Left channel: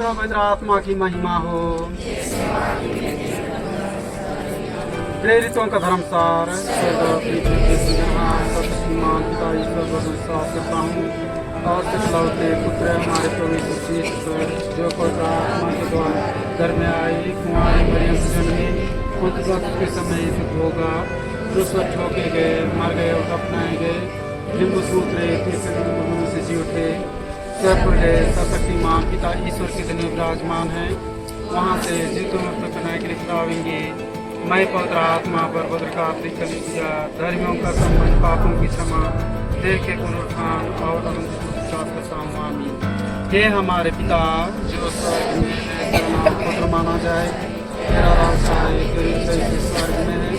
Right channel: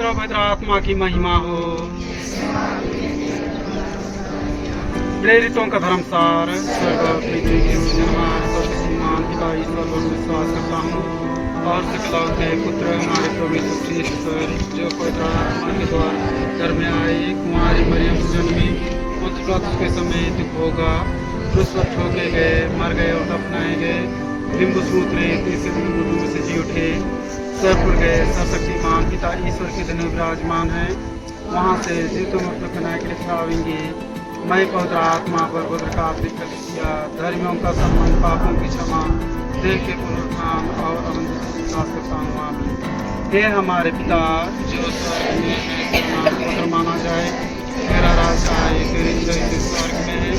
पवित्र आत्मा की महिमा हो। प्रेरितों का धर्मसार श्रीमान पिता ईश्वर पर विश्वास करता हूँ और सकलौ के पुत्र हमारे प्रभु यीशु ख्रीस्त पर, जो पवित्र आत्मा के द्वारा घर में आए, कुंवारी मरियम से जन्मे, पुत्र पिलातुस के समय दुख होगा, क्रूस पर ठोके गए, मर गए और दफनाए गए, लिंबू सूत्रे से जी उठे, सौंप गए, सर्वशक्तिमान पिता ईश्वर के दिन विराजमान है, वहाँ से जीवितों मुक्त बनाए के लिए खिलावेंगे। मैं पवित्र आत्मा पर पवित्र कातलिक कलीसिया, धर्मियों का सम्मान, पापों की क्षमा, देह के पुनरुत्थान और अनंत के सम्मान। हे हमारे पिता जो स्वर्ग में है, तेरा नाम पवित्र माना जाए, तेरा राज्य आए, तेरी इच्छा स्वर्ग में है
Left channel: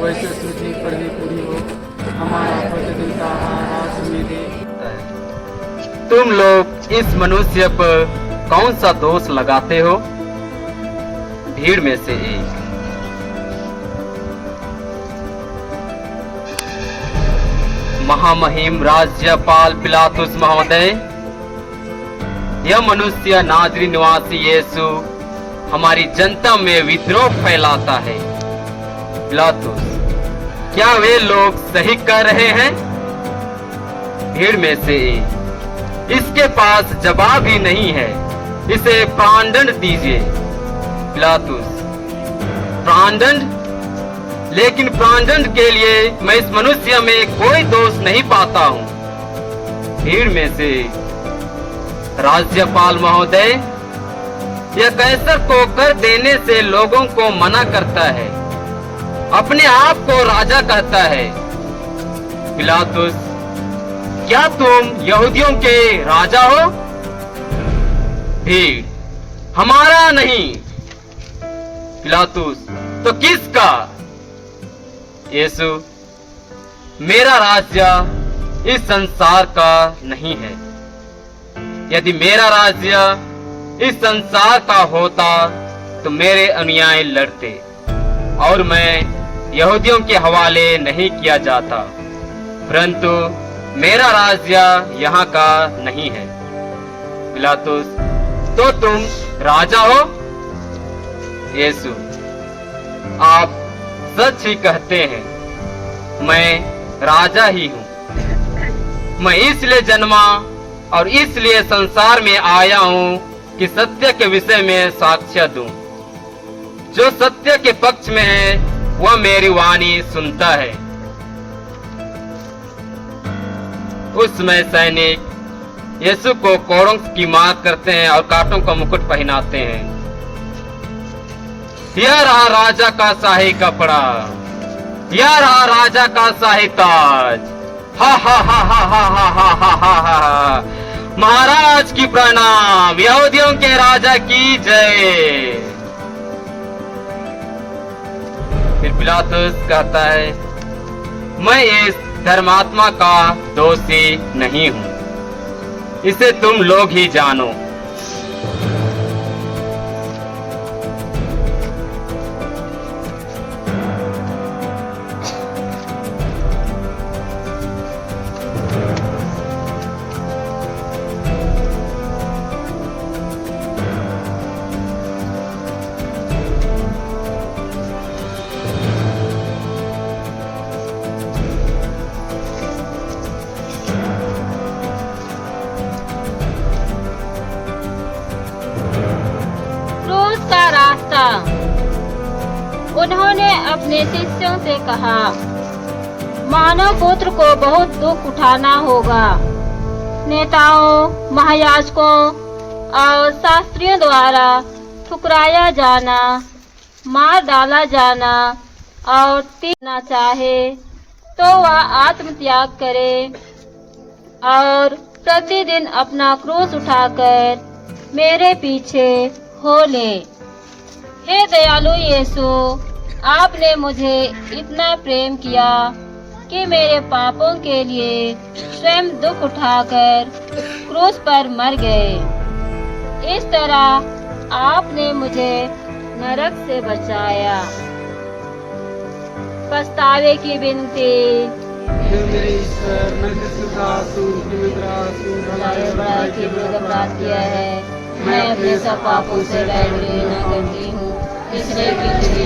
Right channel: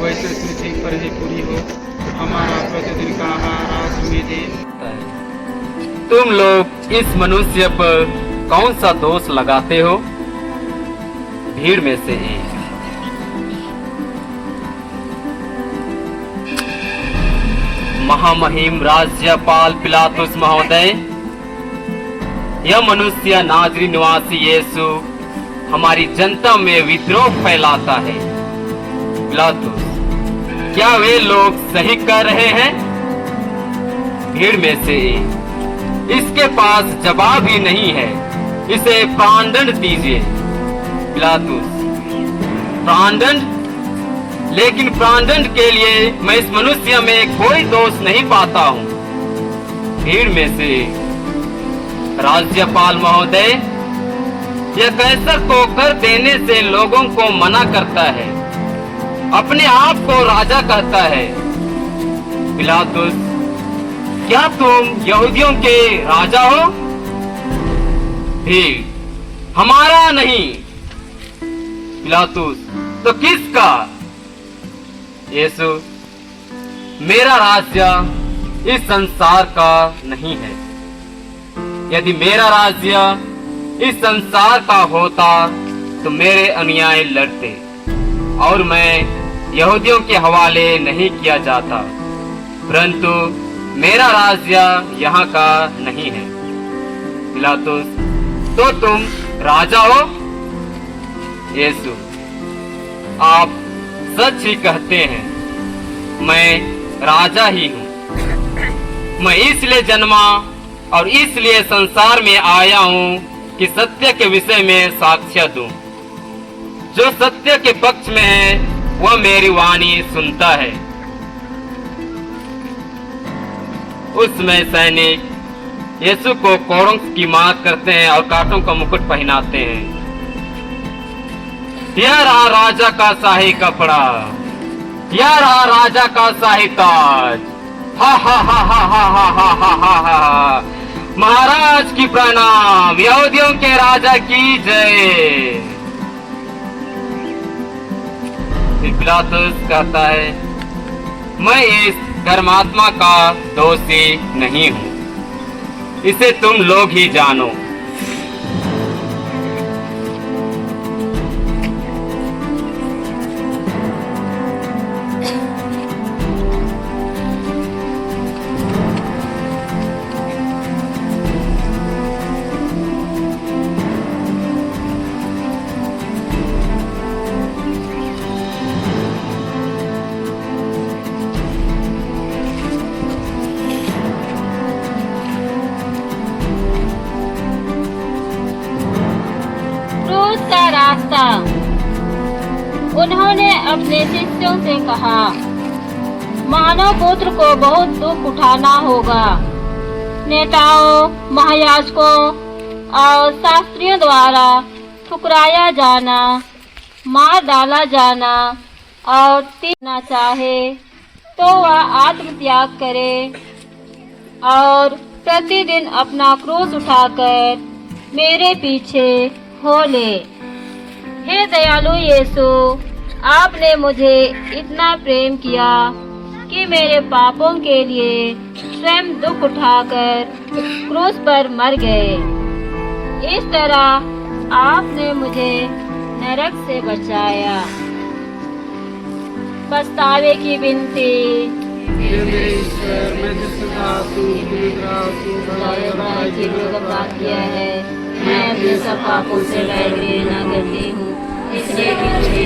वैसे पृथ्वी पर ही पूरी हो। हमारा प्रतिदिन का आहार आज हमें दे। तुम लोग इस मनुष्य पर कौन सा दोष लगाते हो? भीड़ में से एक। महामहिम राज्यपाल पिलातुस महोदय, यह मनुष्य नाजरी निवासी यीशु हमारी जनता में विद्रोह फैलाता है। पिलातुस, क्या वे लोग सही कर रहे हैं? भीड़ में से एक। इसके पास जवाब ही नहीं है, इसे प्राणदंड दीजिए। पिलातुस, प्राणदंड? लेकिन प्राणदंड के लिए मैं इस मनुष्य में कोई दोष नहीं पाता हूँ। भीड़ में से राज्यपाल महोदय, यह कैसर को कर देने से लोगों को मना करता है, अपने आप को राजा कहता है। पिलातुस, क्या तुम यहूदियों के राजा हो? भीड़, हमारा नहीं। पिलातुस, तो किसका? यीशु, मेरा राज्य इस संसार का नहीं है। यदि मेरा राज्य इस संसार का होता तो मेरे अनुयायी लड़ते और मैं यहूदियों के हवाले नहीं किया जाता, परंतु मेरा राज्य यहाँ का नहीं है। पिलातुस, तो तुम राजा हो? यीशु, आप सच ही कहते हैं, मैं राजा ही हूँ। मैं इसलिए जन्मा और इसलिए संसार में आया हूँ कि सत्य के विषय में साक्ष्य दूं। जो सत्य के पक्ष में है वह मेरी वाणी सुनता है। उसमें सैनिक यीशु को कोड़ों की मार करते हैं और कांटों का मुकुट पहनाते हैं। यह रहा राजा का शाही कपड़ा, यह रहा राजा का शाही ताज। हा हा हा हा हा हा हा हा हा हा। महाराज की प्रणाम, यहूदियों के राजा की जय। फिर पिलातुस कहता है, मैं इस धर्मात्मा का दोषी नहीं हूं, इसे तुम लोग ही जानो। रास्ता। उन्होंने अपने शिष्यों से कहा, मानव पुत्र को बहुत दुख उठाना होगा। नेताओं, महायाजकों और शास्त्रियों द्वारा ठुकराया जाना, मार डाला जाना और तीरना चाहे तो वह आत्मत्याग करे और प्रतिदिन अपना क्रूस उठाकर मेरे पीछे हो ले। हे दयालु यीशु, आपने मुझे इतना प्रेम किया कि मेरे पापों के लिए स्वयं दुख उठाकर क्रूस पर मर गए। इस तरह आपने मुझे नरक से बचाया। पछतावे की विनती। मैंने भलाई अपराध के लिए अपराध किया है। मैं अपने सब पापों से बैर न करती हूँ, इसलिए कि मुझे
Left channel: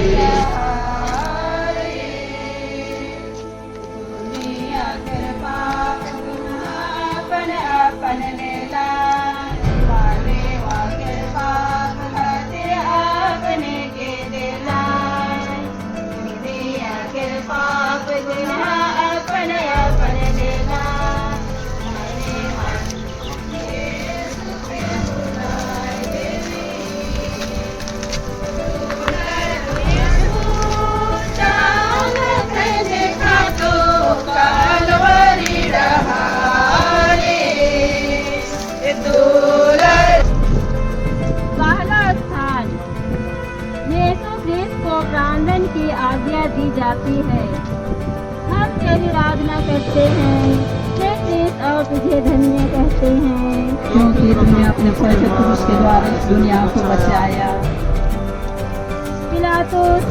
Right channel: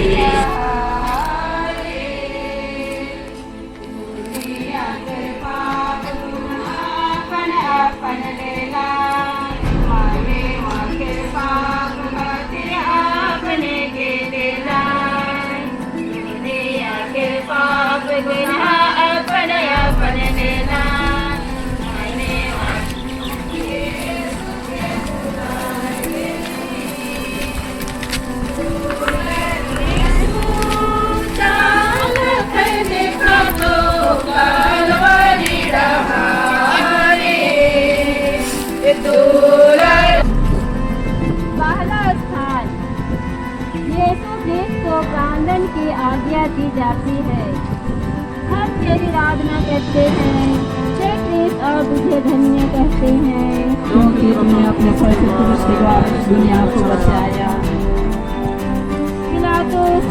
की आज्ञा दी जाती है। हम तेरी आराधना करते हैं, हे कृष्ण, और तुझे धन्य कहते हैं, क्योंकि तुमने अपने पवित्र क्रूस के द्वारा इस दुनिया को बचाया। पिलातुस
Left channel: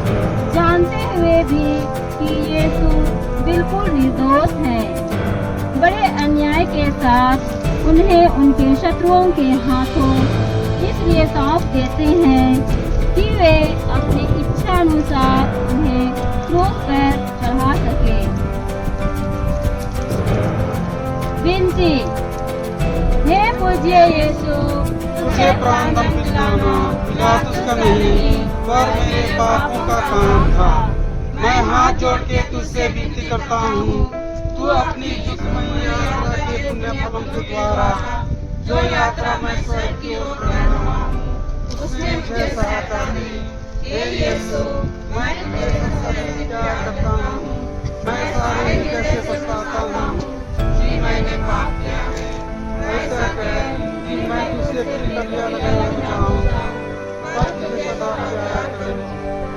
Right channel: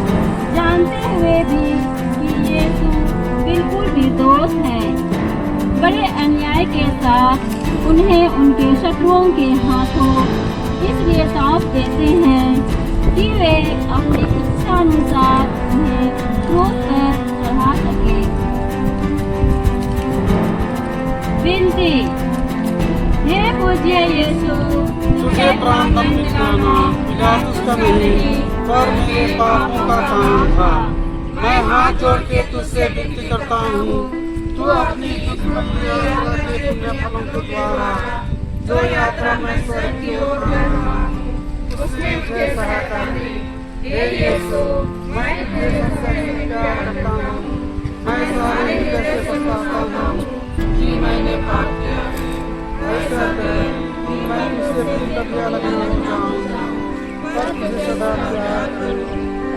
जानते हुए भी कि यीशु बिल्कुल निर्दोष है, बड़े अन्याय के साथ उन्हें उनके शत्रुओं के हाथों इसलिए सौंप देते हैं कि वे अपनी इच्छा अनुसार उन्हें क्रूस पर चढ़ा सके। विनती, हे पूज्य यीशु, तुझे प्राण दंड दिलाना पिलातुस का नहीं पर मेरे पापों का काम था। मैं हाथ जोड़ के तुझसे विनती करता हूँ, तू अपनी दुखमयी यात्रा के पुण्य फलों के द्वारा जो यात्रा मैं स्वर्ग की ओर कर रहा हूँ, उसमें मुझे सहायता दे। हे यीशु, मैं तेरे से प्यार करता हूँ। मैं सारे हृदय से पछताता हूँ कि मैंने पाप किया है। ऐसा कर कि मैं तुझसे दिल लगिया लगाना चाहूँगा, पर तुझे सदा प्यार करूँ।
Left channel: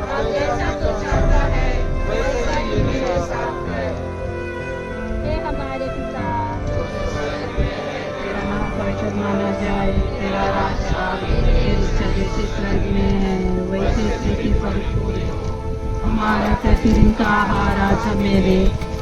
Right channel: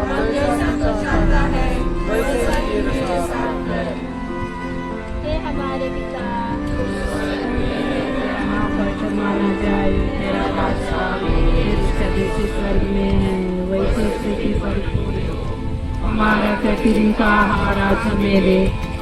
और जैसा तू चाहता है वैसे ही मेरे साथ है। हे हमारे पिता, यहाँ पर माना जाए तेरा रास्ता, तेरी सभी से स्वर्ग में है वैसे स्थिति पर हमारा प्रतिदिन का आहार आज हमें दे,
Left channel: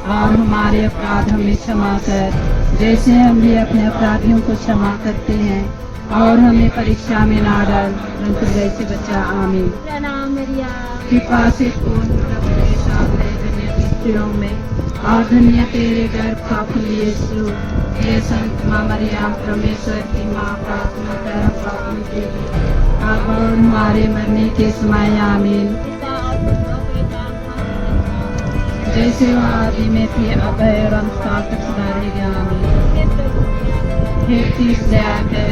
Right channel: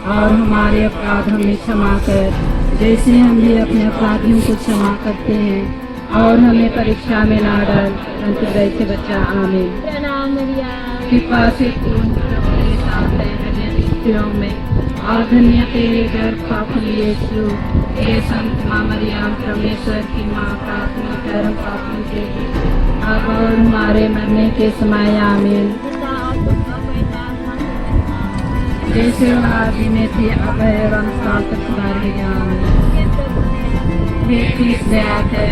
और हमारे अपराध हमें क्षमा कर जैसे हम भी अपने अपराधियों को क्षमा करते हैं, और हमें परीक्षा में ना डाल परंतु बुराई से बचा। आमीन। प्रणाम मरिया, कृपा से पूर्ण प्रभु के साथ है, धन्य स्त्रियों में और धन्य तेरे गर्भ का फल यीशु। हे संत माँ मरियम, परमेश्वर की माँ, प्रार्थना कर हम पापियों के लिए, अब और हमारे मरने के समय। आमीन। पिता और पुत्र और पवित्र आत्मा का जैसे वह आदि में थे अब है और अंतकाल तक सदा रहेगा। आमीन। हे कृष्ण दया कर,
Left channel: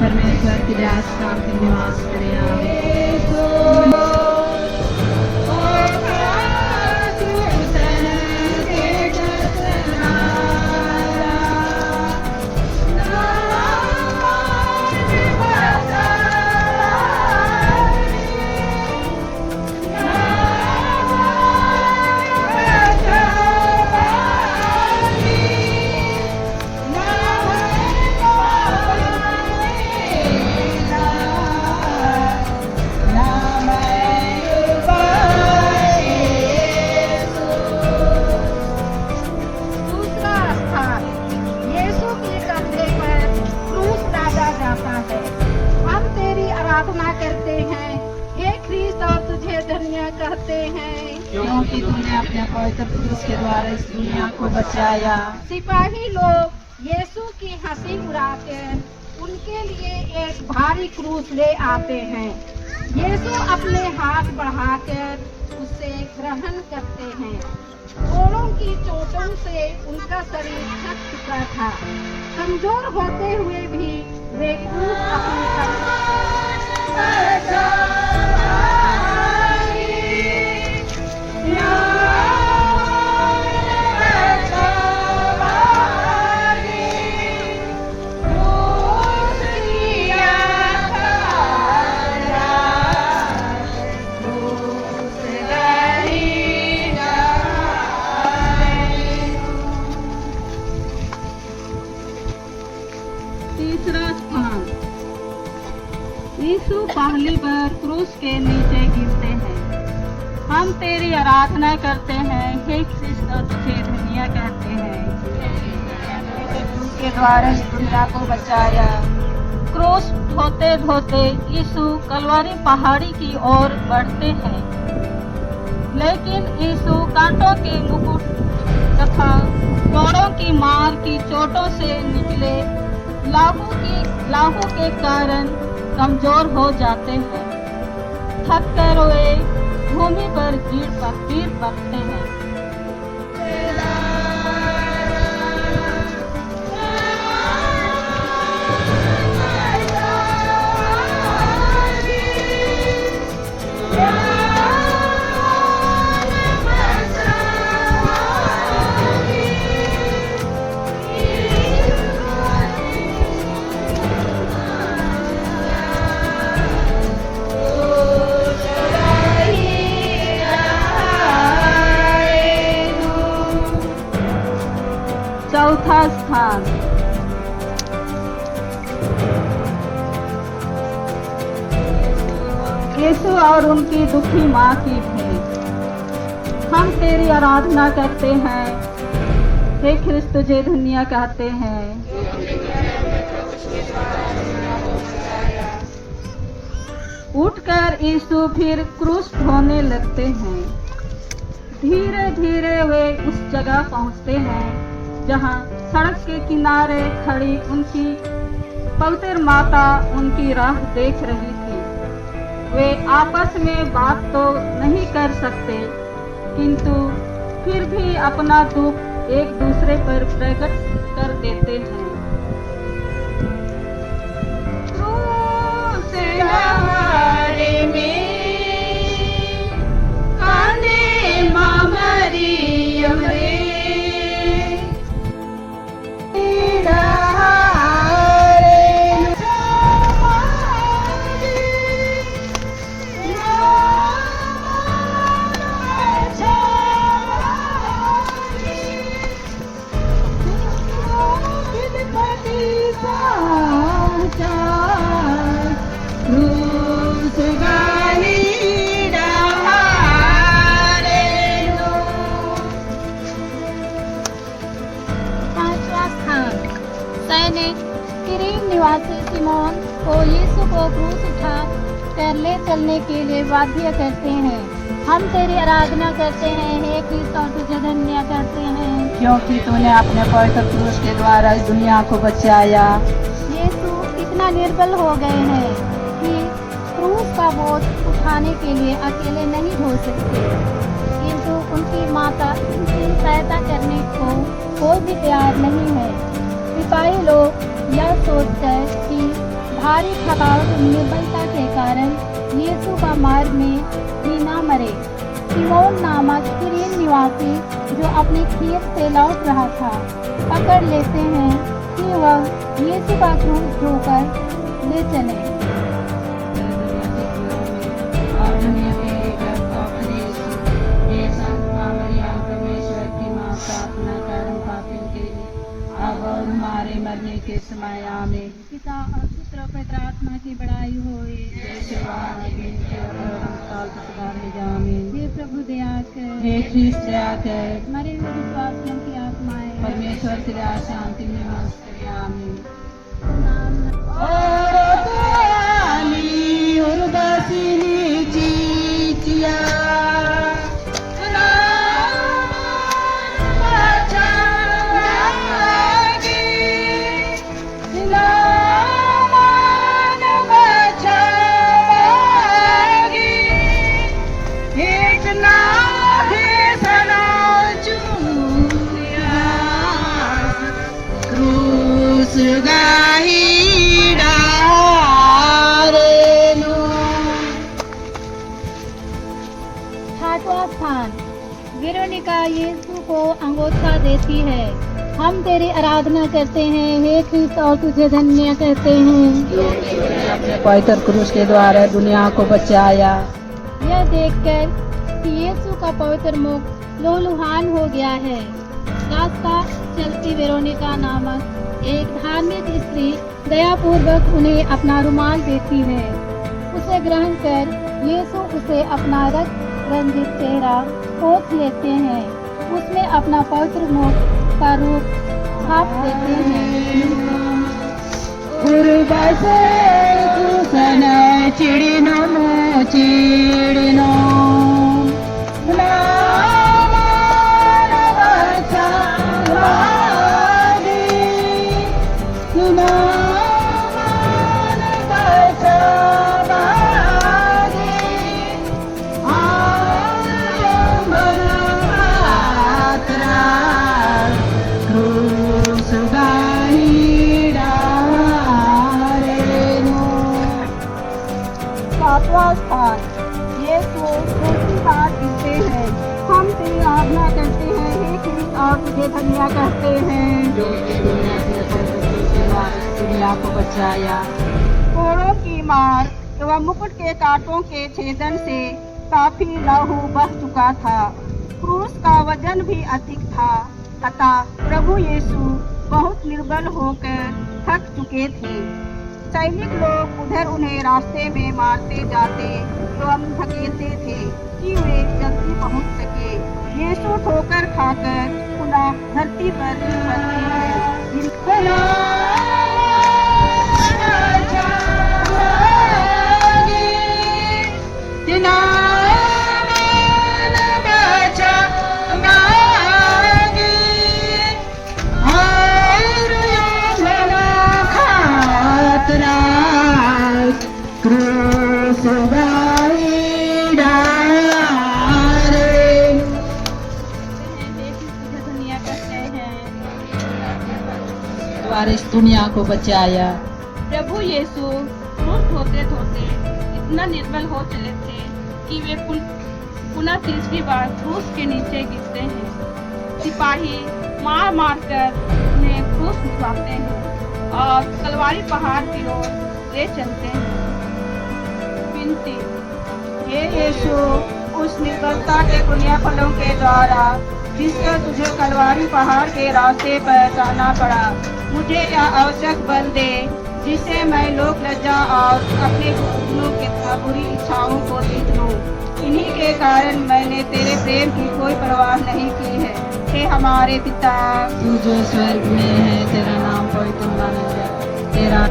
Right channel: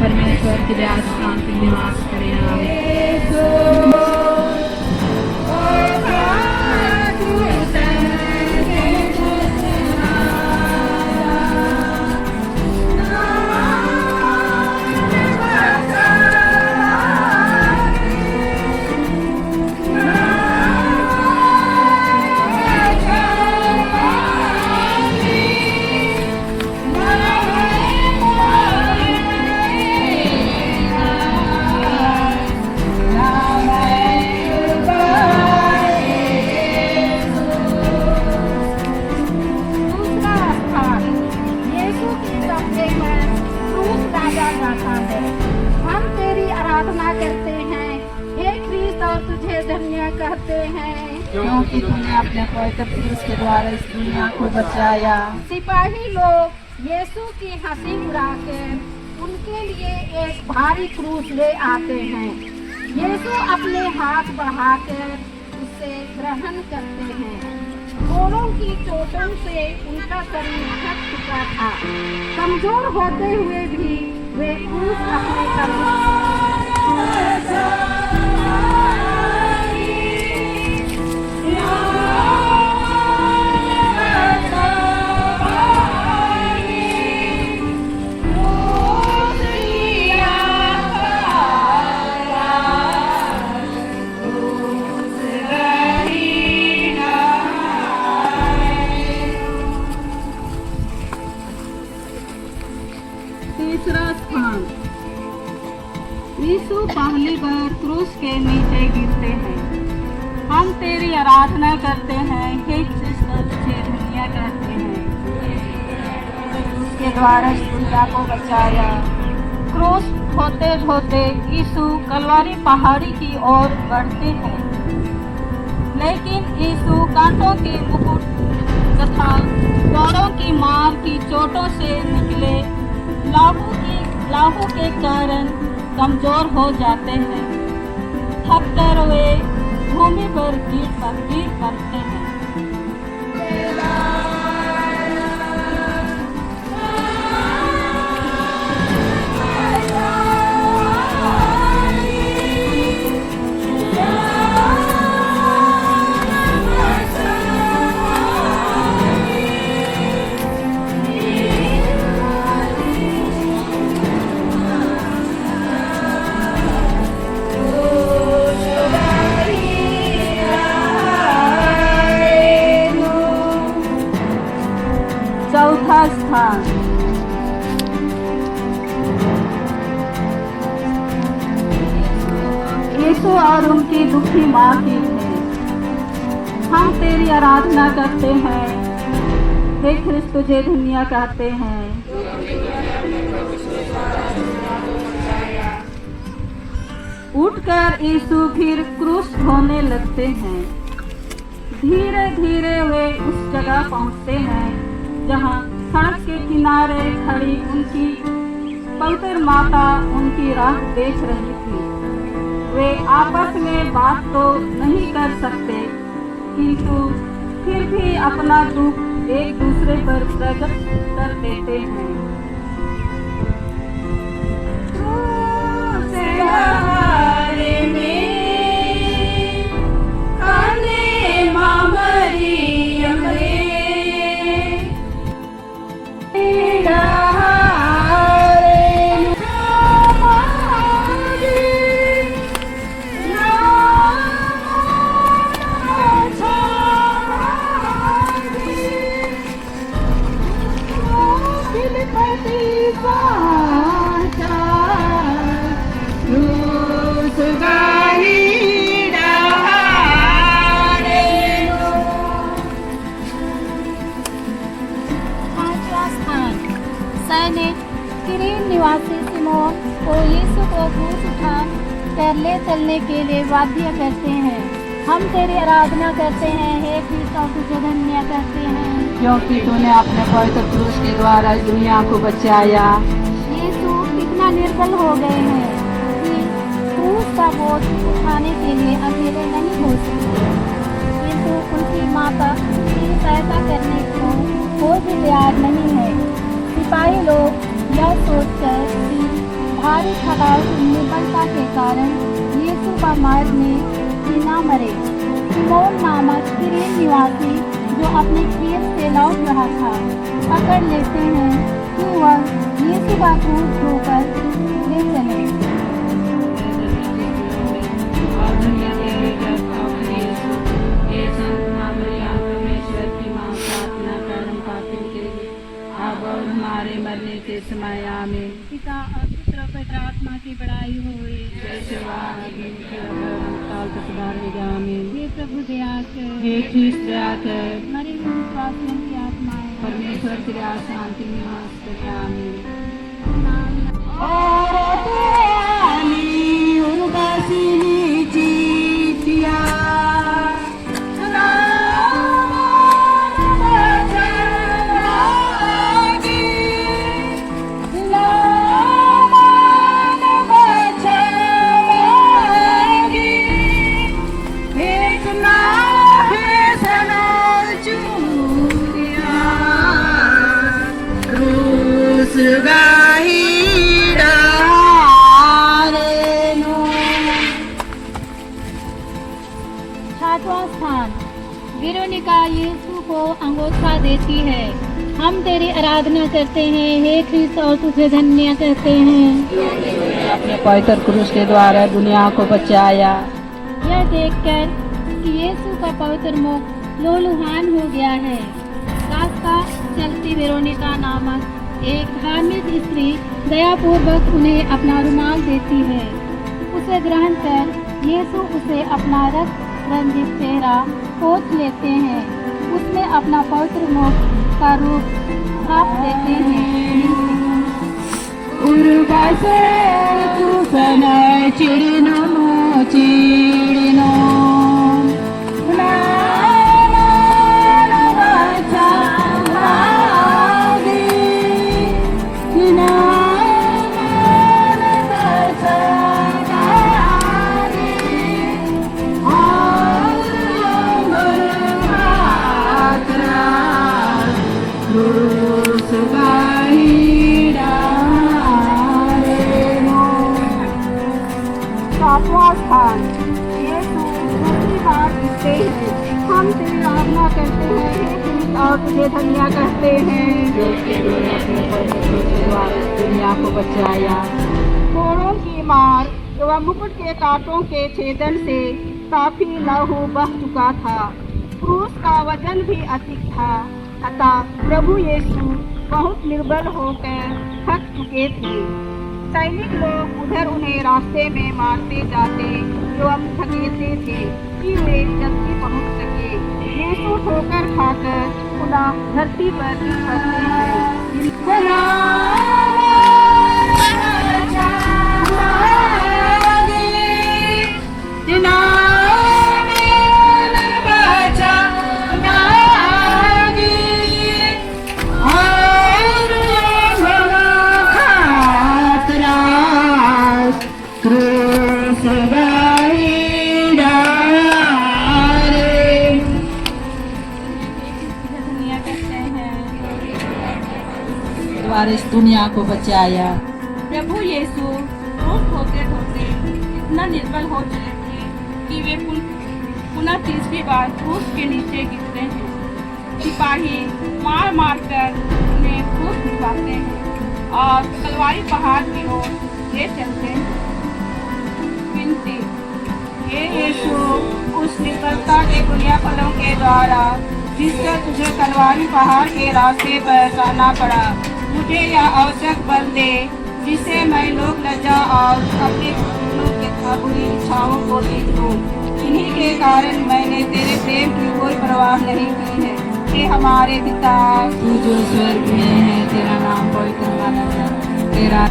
परमेश्वर की दया से शांति निवास करे। आमीन। हम तेरी आराधना करते हैं, हे कृष्ण, और तुझे धन्य कहते हैं, क्योंकि तूने अपने पवित्र क्रूस के द्वारा इस दुनिया को बचाया। सिपाही लोग यीशु की हंसी उड़ाकर उनके लिए एक भारी क्रूस ले आते हैं। यीशु अपने हाथ बढ़ाकर उसे ग्रहण करते हैं। घोड़ों की चोटों से उनका शरीर थक चुका था, कमजोर होते हुए भी वे क्रूस अपने तीसरा स्थान, यीशु पहली बार क्रूस के नीचे गिरते हैं। हम तेरी आराधना करते हैं, हे कृष्ण, तुझे धन्य कहते हैं, के द्वारा इस दुनिया को बचाया। क्रूस ढोते ढोते यीशु कलवारी पहाड़ी की ओर बढ़ते हैं। लेकिन यीशु कांटों के मुकुट तथा दौड़ों की मार की चोटों से निकले लाहू के कारण कमजोर हो जाते हैं। थक कर वे भूमि पर गिर पड़ते हैं। चौथा स्थान। यीशु और उनकी दुखी माँ की भेंट। हम तेरी आराधना करते हैं, हे ख्रिस्त तुझे धन्य कहते हैं। उठकर यीशु फिर क्रूस ढोने लगते हैं। धीरे धीरे वे उस जगह पहुँचते हैं जहाँ सड़क के किनारे खड़ी उनकी पवित्र माता उनकी राह देख रही थी। वे आपस में बात तो नहीं कर सकते, किंतु फिर भी अपना दुख एक दूसरे पर प्रकट कर देते हैं। क्रूस सहारे में काने माँ मरियम रे, किरीन निवासी सिमोन को यीशु को क्रूस उठा कर ले चलने के लिए बाध्य करते हैं। हम तेरी आराधना करते हैं, हे ख्रिस्त और तुझे धन्य करते हैं, क्योंकि तूने अपने पवित्र क्रूस के द्वारा इस दुनिया को बचाया। यीशु इतना निर्बल हो गए हैं कि क्रूस का बोझ उठाने के लिए अकेले नहीं हो सकते, किंतु उनकी माता उनकी सहायता करने को कोई भी तैयार नहीं है। सिपाही लोग यह सोचकर कि भारी थकावट निर्बलता के कारण यीशु का मार्ग में ही न मरे, सिमोन नामक किरीन निवासी जो अपने खेत से लौट रहा था पकड़ लेते हैं कि वह यीशु का क्रूस ढोकर ले चले। पिता और पुत्र और पवित्र आत्मा की बड़ाई होए। हे प्रभु दया कर, हे ख्रिस्त दया कर, मरे हुए विश्वासियों की आत्माएं परमेश्वर की दया शांति में नमस्ते आमीन। छठवां स्थान। वेरोनिका यीशु को अंगोछा देती है। हम तेरी आराधना करते हैं, हे ख्रिस्त और तुझे धन्य कहते हैं, अपने पवित्र क्रूस के द्वारा दुनिया को बचाया। यह देखकर कि यीशु का पवित्र मुख लोलुहान हो गया है, रास्ता चलती वेरोनिका नामक एक धार्मिक स्त्री दयापूर्वक उन्हें अपना रुमाल देती है। उसे ग्रहण कर यीशु उसे अपना रक्त रंजित चेहरा पोंछ लेते हैं, उसमें अपना पवित्र मुख का रूप छाप देते हैं। उर्वसे कुसन चिड़िनो चिड़िनो सातवां स्थान, यीशु दूसरी बार कहते हैं, हम तेरी आराधना करते हैं हे ख्रीस्त और तुझे धन्य कहते हैं जो कि तूने अपने पवित्र के द्वारा दुनिया को बचाया। कोड़ों की मार एवं मुकुट के कांटों के छेदन से काफी लहू बह चुका था। क्रूस का वजन भी अधिक था, अतः प्रभु यीशु बहुत निर्बल होकर थक चुके थे। सैनिक लोग उधर उन्हें रास्ते में मारते जाते एवं धकेलते थे कि वे जल्दी पहुंच सके। यीशु ठोकर खाकर पुनः धरती पर गिर पड़ते हैं। द्वारा इस दुनिया को बचाया। प्रभु यीशु क्रूस धोते धोते इतना निर्बल हो चले थे कि वे पुनः तीसरी बार क्रूस के नीचे गिरते हैं। सिपाही मार मार कर उन्हें क्रूस भिजवाते हैं और कलवारी पहाड़ की ओर ले चलते हैं। विनती, हे यीशु, उस निर्बलता के पुण्यफलों के द्वारा जिसका तुझे कलवारी पहाड़ के रास्ते पर जाना पड़ा, मुझे यह आवश्यक बल दे जिससे मैं लोक लज्जा और अपने घुटनों के बुरी इच्छाओं को देख लूं। इन्हीं के कारण मैंने तेरे प्रेम की कोई परवाह नहीं की है। हे हमारे पिता, तू जो स्वर्ग में है, तेरा नाम पवित्र माना जाए। तेरा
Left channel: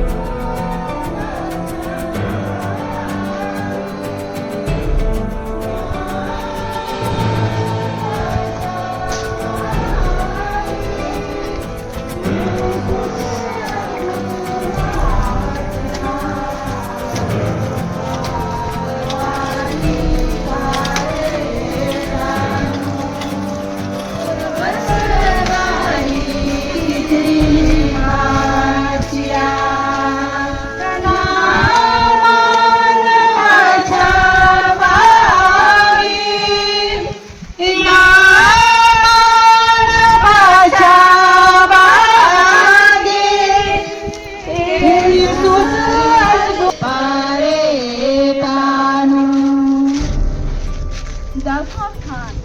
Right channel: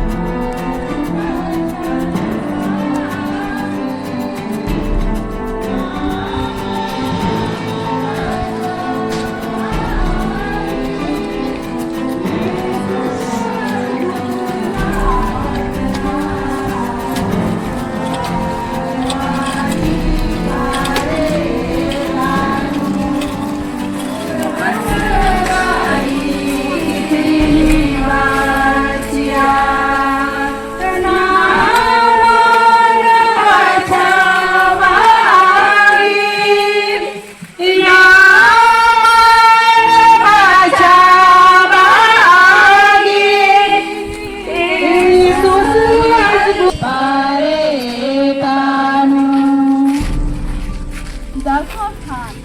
दसवां स्थान,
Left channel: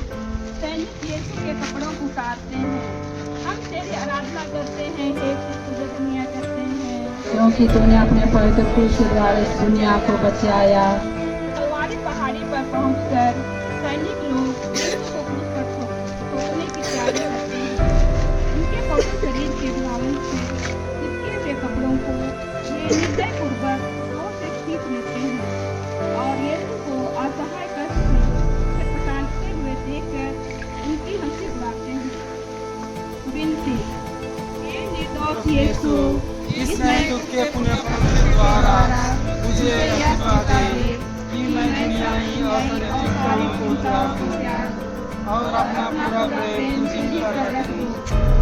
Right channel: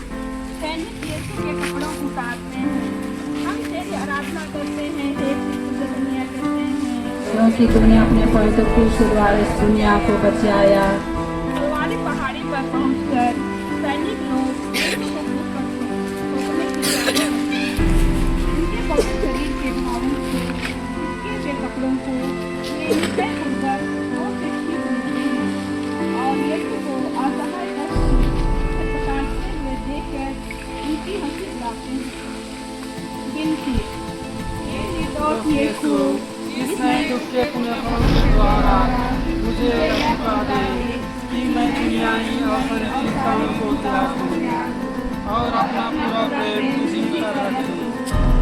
सैनिक यीशु के कपड़ों को उतारते हैं। हम तेरी आराधना करते हैं, हे ख्रीस्त, तुझे धन्य करते हैं क्योंकि तूने अपने पवित्र क्रूस के द्वारा इस दुनिया को बचाया। कलवारी पहाड़ी पर पहुंचकर सैनिक लोग यीशु को क्रूस पर ठोकने की तैयारी करते हैं। उनके पवित्र शरीर के घावों से चिपके हुए कपड़ों को वे निश्चय पूर्वक जोर से खींच लेते हैं और यीशु को असहाय कष्ट में छटपटाते हुए देखकर उनकी हंसी उड़ाते हैं। विनती, हे निर्दोष यीशु, इसमें दुख के पुण्यफलों के द्वारा मुझे यह पता दे कि मैं दुनिया और सारी चिंताओं को और अपना पूरा प्रेम तुझी पर रखूं।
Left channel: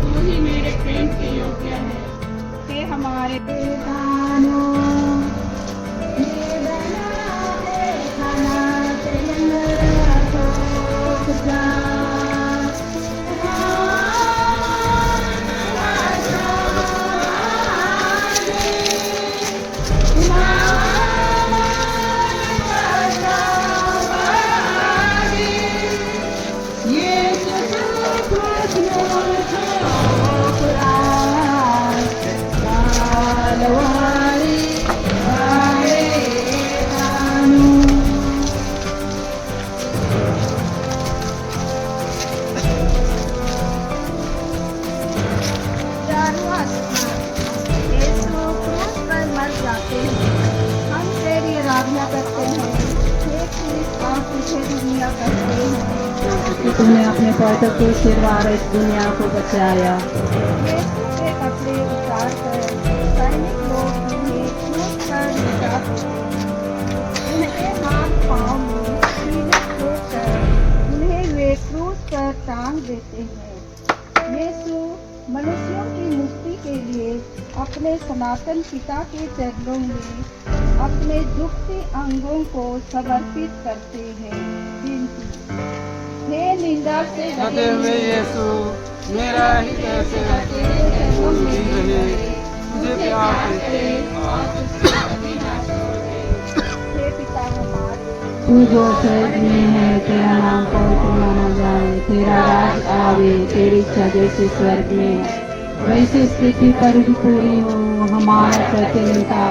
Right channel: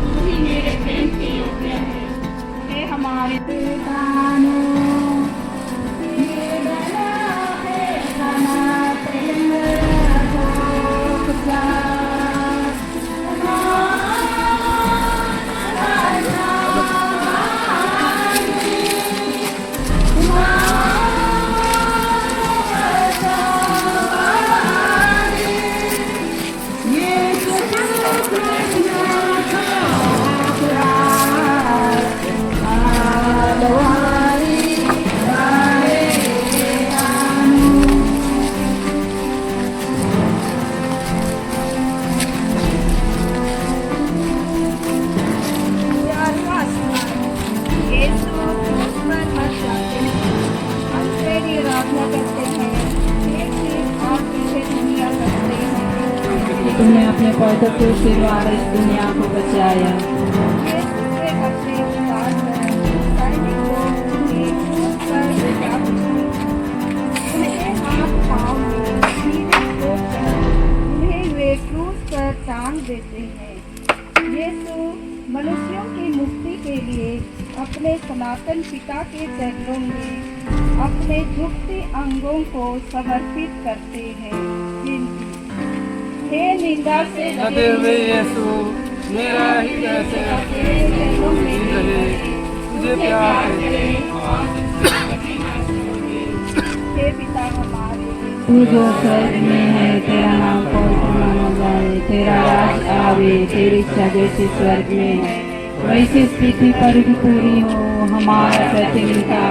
तू ही मेरे प्रेम के योग्य है। हे हमारे आराधना करते हैं। हे ख्रीस्त और तुझे दुनिया कहते हैं। तुमने अपने पवित्र क्रूस के द्वारा इस दुनिया को बचाया। यीशु के अपने उद्धार पर सैनिक लोग उन्हें क्रूस पर ले जाते हैं। उनके हाथ पाँव में कीड़े ठोककर उन्हें वे क्रूस पर टांग देते हैं। यीशु मनुष्यों की मुक्ति के लिए अपने सनातन पिता के चरणों में अपने दुखते अंगों को समर्पित करते हैं। विनती, हे निंदा से लगे हुए यीशु, मेरा हृदय से रहे, तुझे प्यार करते हे पिता हमारे, तू जो स्वर्ग में है, तेरा नाम पवित्र माना जाए, तेरा राज आवे, तेरी इच्छा जैसे स्वर्ग में है वैसे स्थिति पर भी पूरी हो। हमारा प्रतिदिन का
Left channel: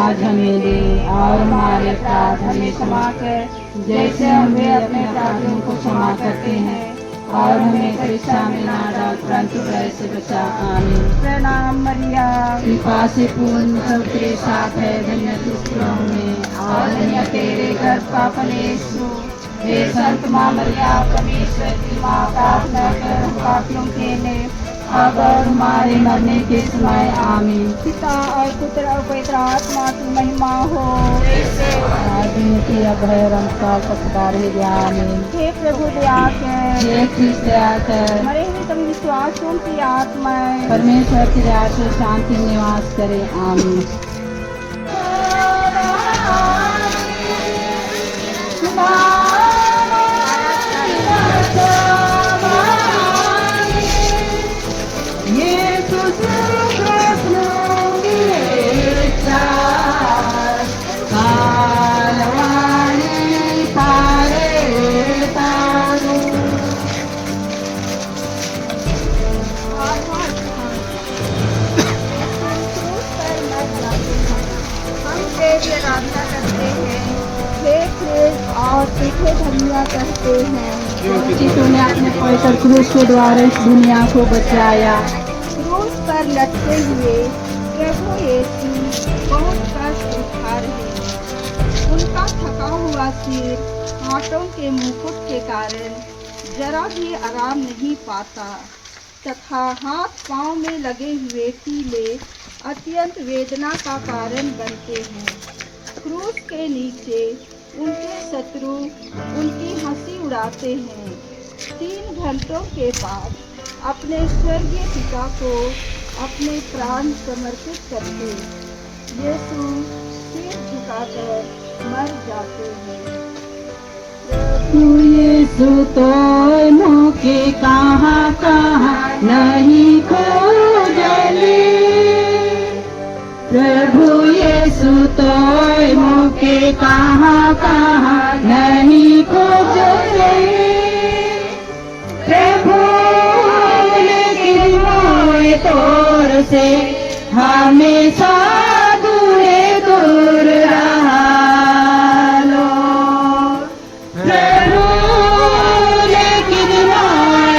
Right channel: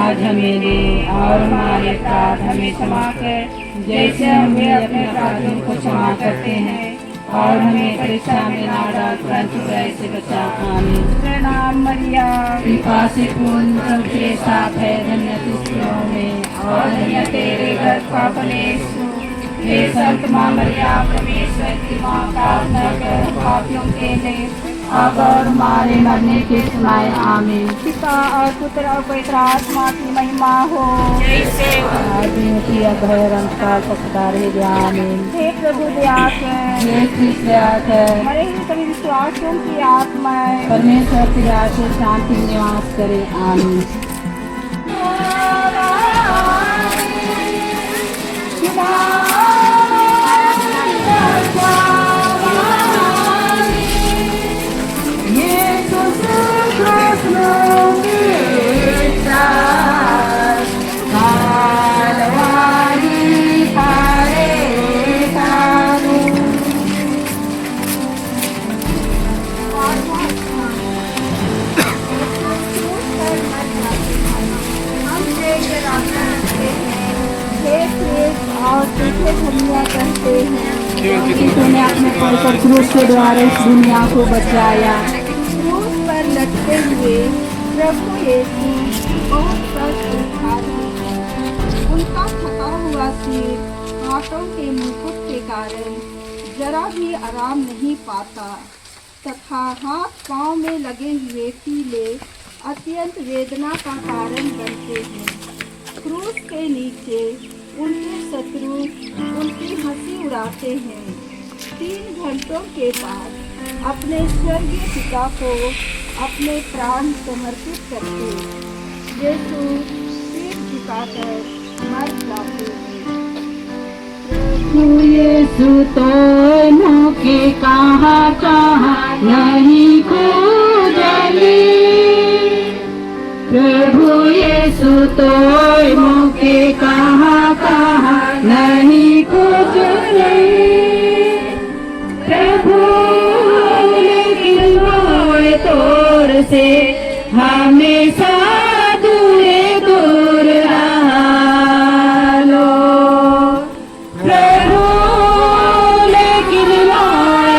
आज हमें दे और हमारे अपराध हमें क्षमा कर जैसे हमें अपने अपराधियों को क्षमा करते हैं, और हमें परीक्षा में ना डाल परंतु बुराई से बचा। आमीन। प्रणाम मरिया, कृपा से पूर्ण प्रभु तेरे साथ है, धन्य तू स्त्रियों में और धन्य तेरे गर्भ का फल यीशु। हे संत माँ मरिया, परमेश्वर की माँ, प्रार्थना कर हम पापियों के लिए अब और हमारे मरने के समय। आमीन। पिता और पुत्र और पवित्र आत्मा की महिमा हो। आदि अब है और अंतकाल तक सदा रहेगी। आमीन। हे प्रभु दया कर, हे कृष्ण दया कर, मरे हुए सभी विश्वासियों की आत्माएं परमेश्वर की दया से शांति निवास करे। आमीन। और तुझे धन्य कहते हैं कि तूने अपने पवित्र क्रूस के द्वारा इस दुनिया को बचाया। क्रूस पर लटके हुए प्रभु यीशु बहुत कष्ट उठा रहे हैं। उनका थका हुआ सिर कांटों के मुकुट के कारण जरा भी आराम नहीं पाता तथा हाथ पांव में लगे हुए कीले अत्यंत वेदना का कारण बनते हैं। क्रूस के नीचे उनके शत्रु उनकी हंसी उड़ाते हैं। 3 घंटों के बाद अपने स्वर्गीय पिता को अपने प्राण समर्पित करके यीशु सिर झुकाकर मर जाते हैं। यीशु तो मौके कहाँ कहाँ नहीं खोजले, प्रभु यीशु तो मौके कहाँ कहाँ नहीं खोजले, प्रभु लेकिन मोए तोर से हमेशा दूरे दूर रहा लो, प्रभु लेकिन मोए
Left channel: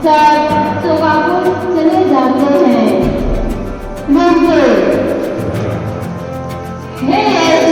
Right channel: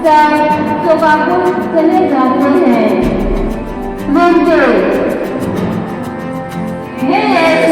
पश्चात शोकाकुल चले जाते हैं। हे